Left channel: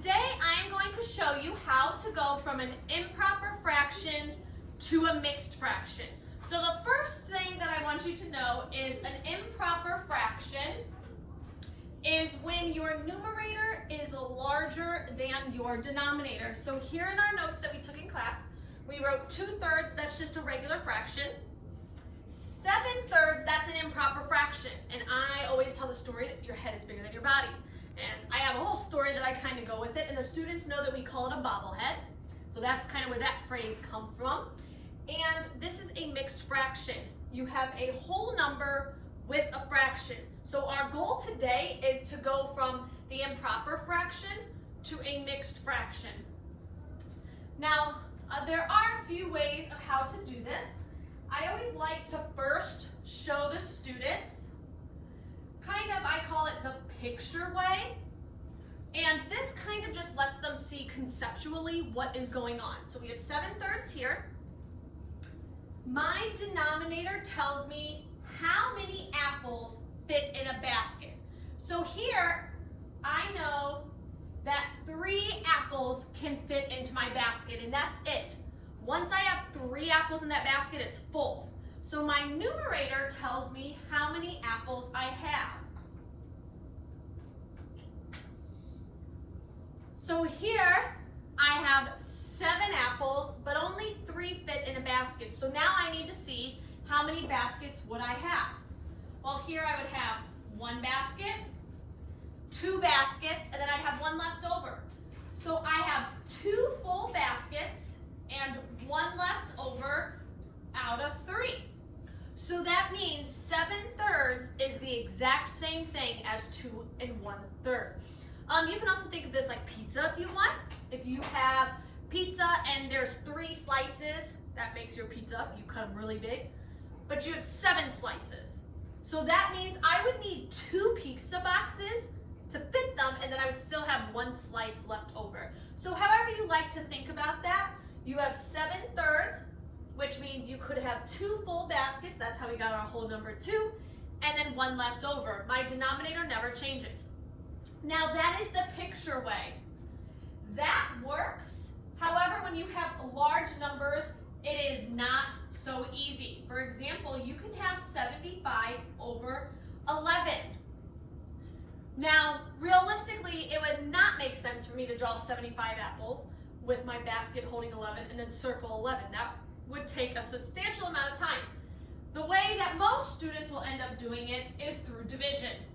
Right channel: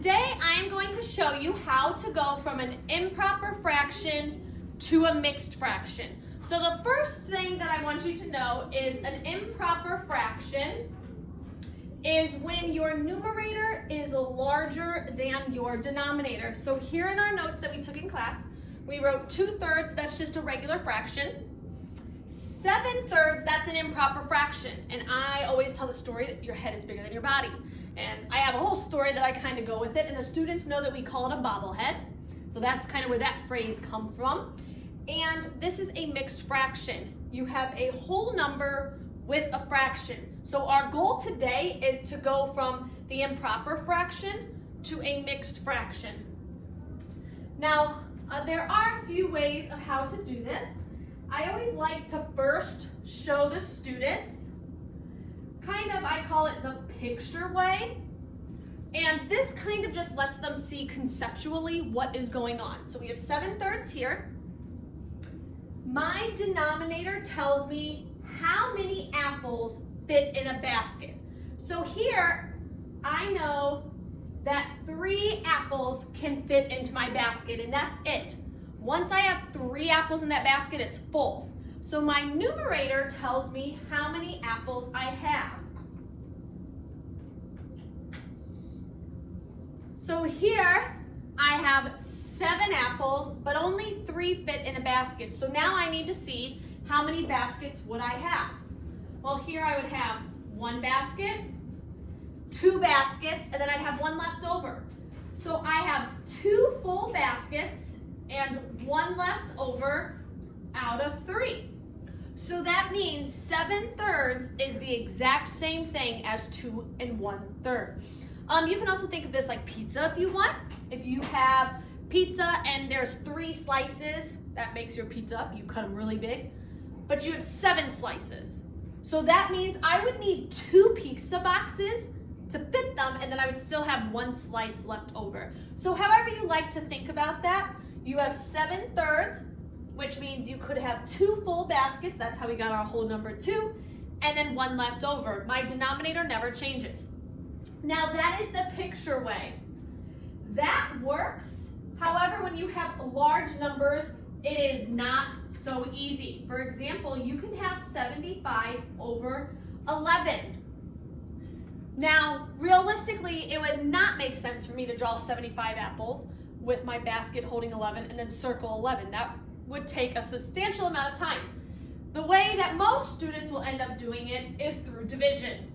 today I am going to show you how to go from an improper fraction to a mixed fraction. So the first thing that I want you to know is an improper fraction is when your numerator is larger than your denominator. So here in our notes that we took in class, we wrote 2/3, that's just a regular fraction. 7/3, that's an improper fraction. And I always tell the story that your head is bigger than your body. And I have a whole story that I kind of go with it, and the students know that we call it a bobblehead. So that's kind of where that phrase comes from. And this is a mixed fraction. You have a whole number with a fraction. So our goal today is to go from the improper fraction to a mixed fraction. Now, there are a few ways of how to do this. I always like to first show the students, I call it the picture way. And this kind of just lets them see conceptually what is going on. So we have 7/3 here. My denominator tells me how many apples fit in a basket. So here, I know that 3 apples can fit into my basket, and that's it. Once I have 3 apples in that basket, it's full. So my numerator tells me how many apples I have. So here, I have 7 apples, but only 3 fit in a basket. So now I need to see how many baskets would I have. Well, here I would have 1 basket, 2 baskets, and then I'd have 1 left over. So I have 2 full baskets and 1 left over out of 3. So that means 7/3 is the exact same thing as 2 1/3. You can also think of this like pizza if you want. If you have pizza and there's 3 slices, that makes your pizza, you cut them really big, but you have 7 slices. So that means I would need 2 pizza boxes to fit them, and then I would still have 1 slice left over. So however you like to think about that, you have 7/3, which means you could have 2 full baskets, that's how we got our whole number 2, and then 1 left over. My denominator never changes. Now that is the picture way. That works. However, when you have large numbers, it is not so easy. For example, you can have 75/11. Now, realistically, it would not make sense for me to draw 75 apples with my basket holding 11 and then circle 11. That would take a substantial amount of time. The way that most students will end up doing it is through division.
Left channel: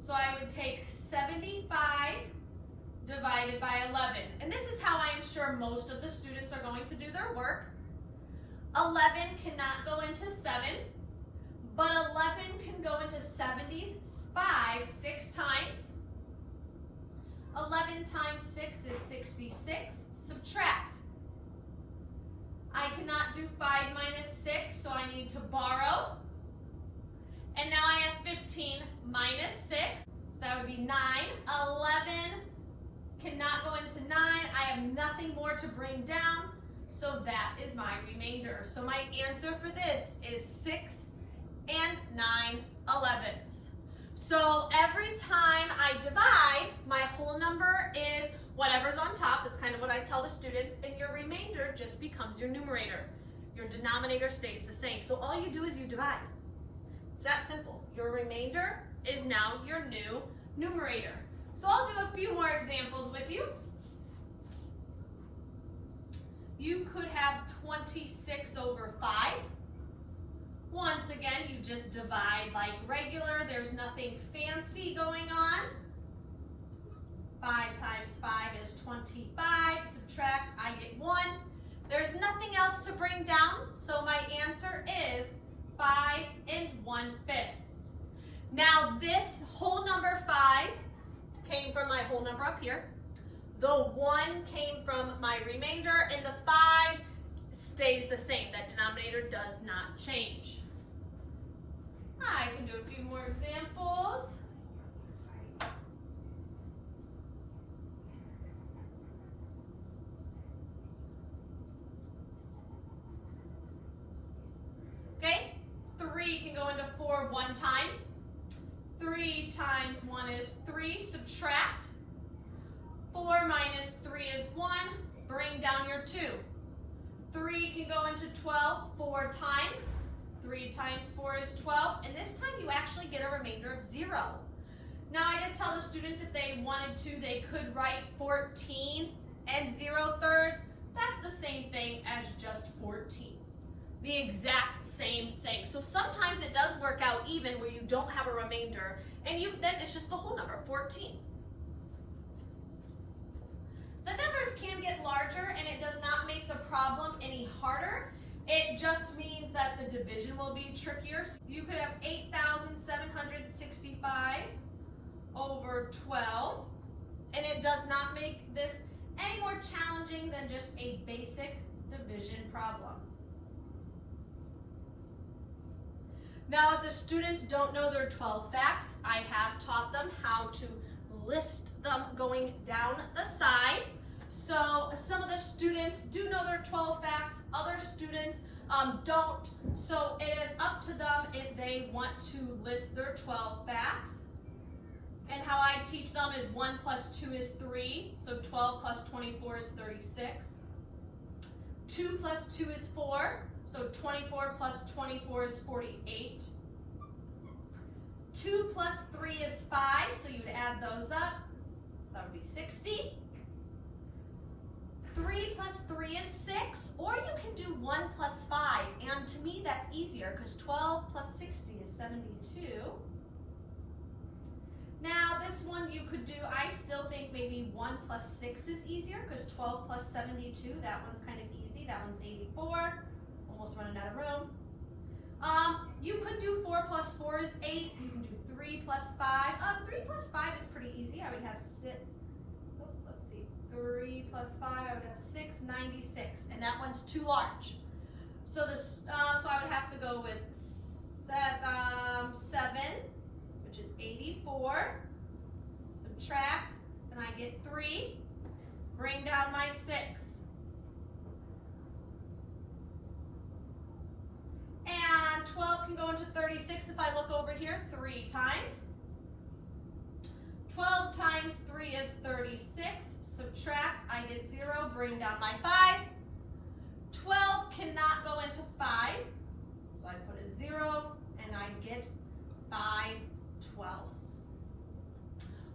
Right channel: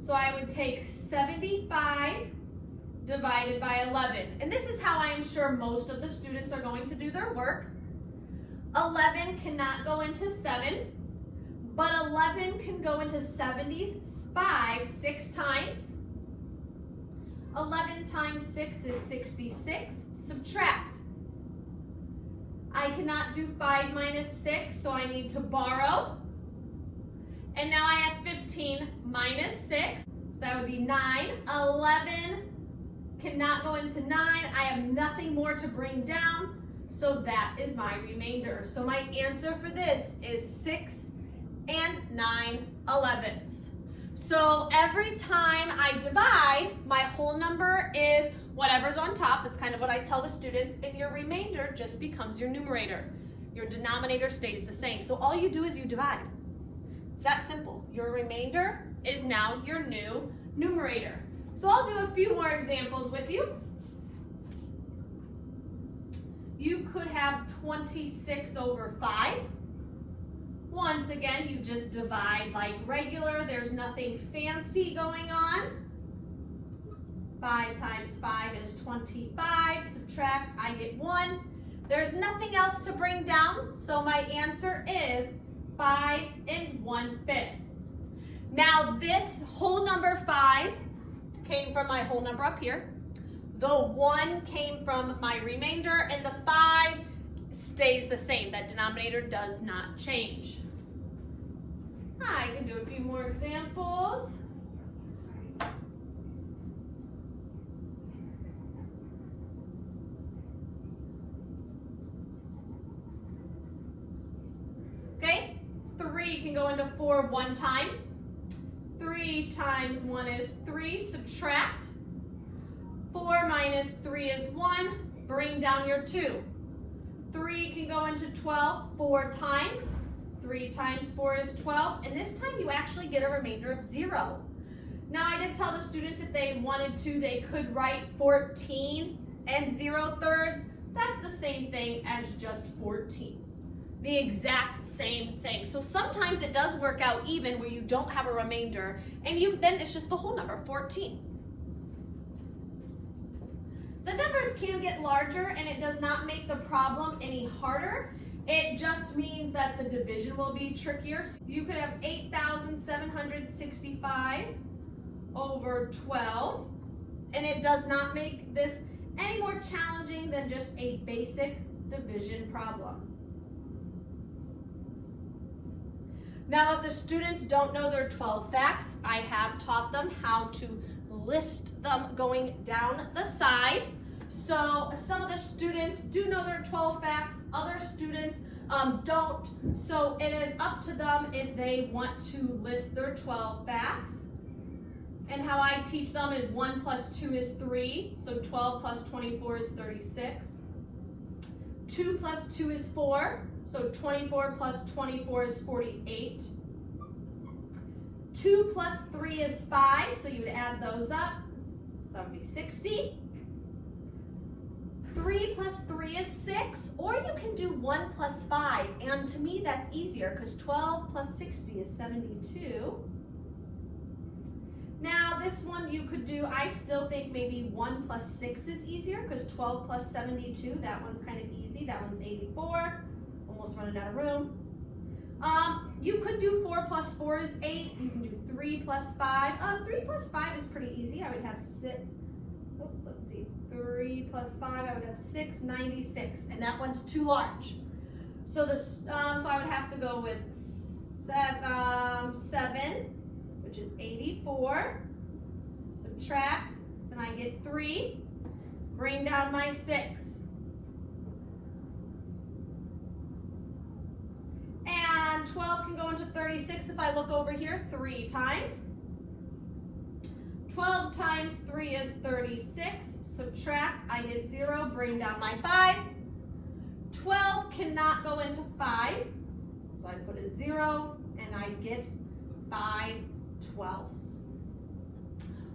So I would take 75 divided by 11. And this is how I am sure most of the students are going to do their work. 11 cannot go into 7, but 11 can go into 75 6 times. 11 times 6 is 66. Subtract. I cannot do 5 minus 6, so I need to borrow. And now I have 15 minus 6, so that would be 9. 11 cannot go into 9. I have nothing more to bring down, so that is my remainder. So my answer for this is 6 9/11. So every time I divide, my whole number is whatever's on top. That's kind of what I tell the students, and your remainder just becomes your numerator. Your denominator stays the same. So all you do is you divide. It's that simple. Your remainder is now your new numerator. So I'll do a few more examples with you. You could have 26/5. Once again, you just divide like regular. There's nothing fancy going on. 5 times 5 is 25. Subtract, I get 1. There's nothing else to bring down, so my answer is 5 1/5. Now this whole number 5 came from my whole number up here. The 1 came from my remainder, and the 5 stays the same. That denominator does not change. I can do a few more examples. Okay, 3 can go into 4 1 time. 3 times 1 is 3. Subtract. 4 minus 3 is 1. Bring down your 2. 3 can go into 12 4 times. 3 times 4 is 12. And this time you actually get a remainder of 0. Now I did tell the students if they wanted to, they could write 14 and 0/3. That's the same thing as just 14. The exact same thing. So sometimes it does work out even where you don't have a remainder and then it's just the whole number, 14. The numbers can get larger and it does not make the problem any harder. It just means that the division will be trickier. So you could have 8,765 over 12, and it does not make this any more challenging than just a basic division problem. Now, if the students don't know their 12 facts, I have taught them how to list them going down the side. So some of the students do know their 12 facts, other students don't. So it is up to them if they want to list their 12 facts. And how I teach them is 1 plus 2 is 3, so 12 plus 24 is 36. 2 plus 2 is 4, so 24 plus 24 is 48. 2 plus 3 is 5, so you would add those up, so that would be 60. 3 plus 3 is 6, or you can do 1 plus 5, and to me that's easier because 12 plus 60 is 72. Now this one you could do, I still think maybe 1 plus 6 is easier because 12 plus 72, that one's kind of easy. That one's 84, almost running out of room. You could do 4 plus 4 is 8. You can do 3 plus 5. 3 plus 5 is pretty easy. I would have 3 plus 5, I would have 6, 96, and that one's too large. So so I would have to go with 7, which is 84, subtract, and I get 3, bring down my 6. And 12 can go into 36 if I look over here 3 times. 12 times 3 is 36, subtract, I get 0, bring down my 5. 12 cannot go into 5, so I put a 0, and I get 5 twelfths.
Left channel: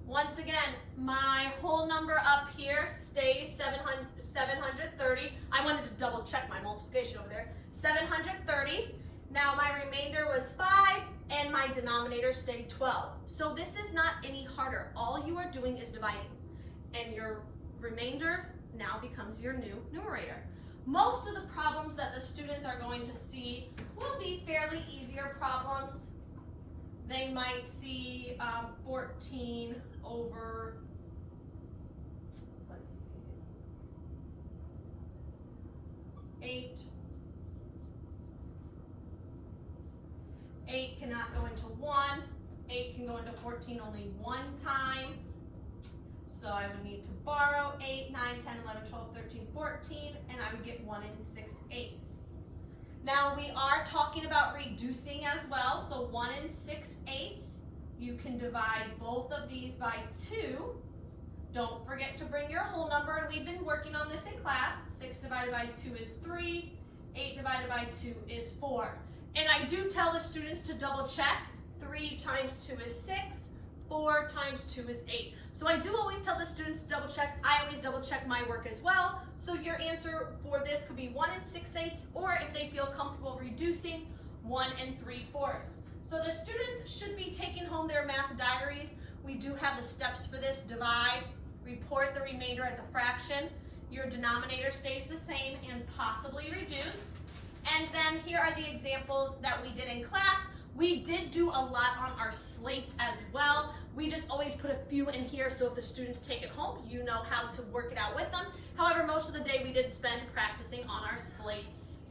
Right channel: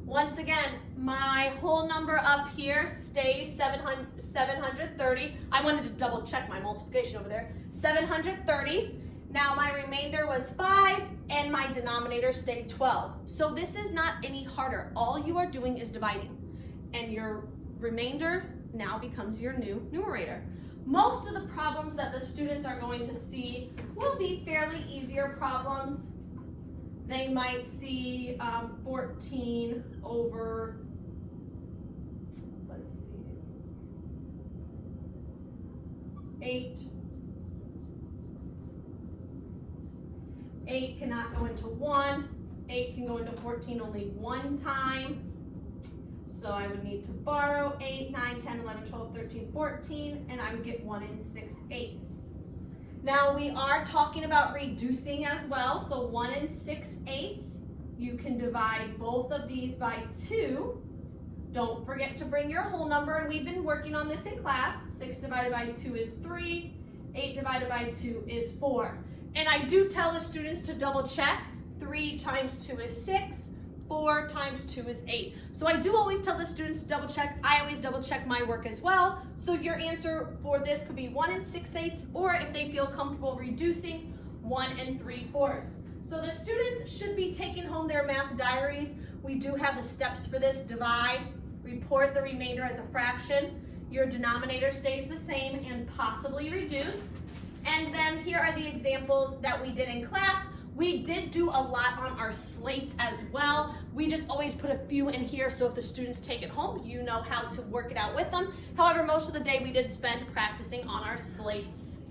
Once again, my whole number up here stays 730. I wanted to double check my multiplication over there. 730. Now my remainder was 5 and my denominator stayed 12. So this is not any harder. All you are doing is dividing and your remainder now becomes your new numerator. Most of the problems that the students are going to see will be fairly easier problems. They might see 14 over, let's see, 8. 8 cannot go into 1. 8 can go into 14 only 1 time. So I would need to borrow 8, 9, 10, 11, 12, 13, 14, and I would get 1 6/8. Now we are talking about reducing as well, so 1 6/8. You can divide both of these by 2. Don't forget to bring your whole number, and we've been working on this in class. 6 divided by 2 is 3. 8 divided by 2 is 4. And I do tell the students to double check. 3 times 2 is 6. 4 times 2 is 8. So I do always tell the students to double check. I always double check my work as well. So your answer for this could be 1 6/8, or if they feel comfortable reducing, 1 3/4. So the students should be taking home their math diaries. We do have the steps for this. Divide, report the remainder as a fraction. Your denominator stays the same and possibly reduce. And then here are the examples that we did in class. We did do a lot on our slates as well. We just always put a few in here, so if the students take it home, you know how to work it out with them. However, most of the day we did spend practicing on our slates.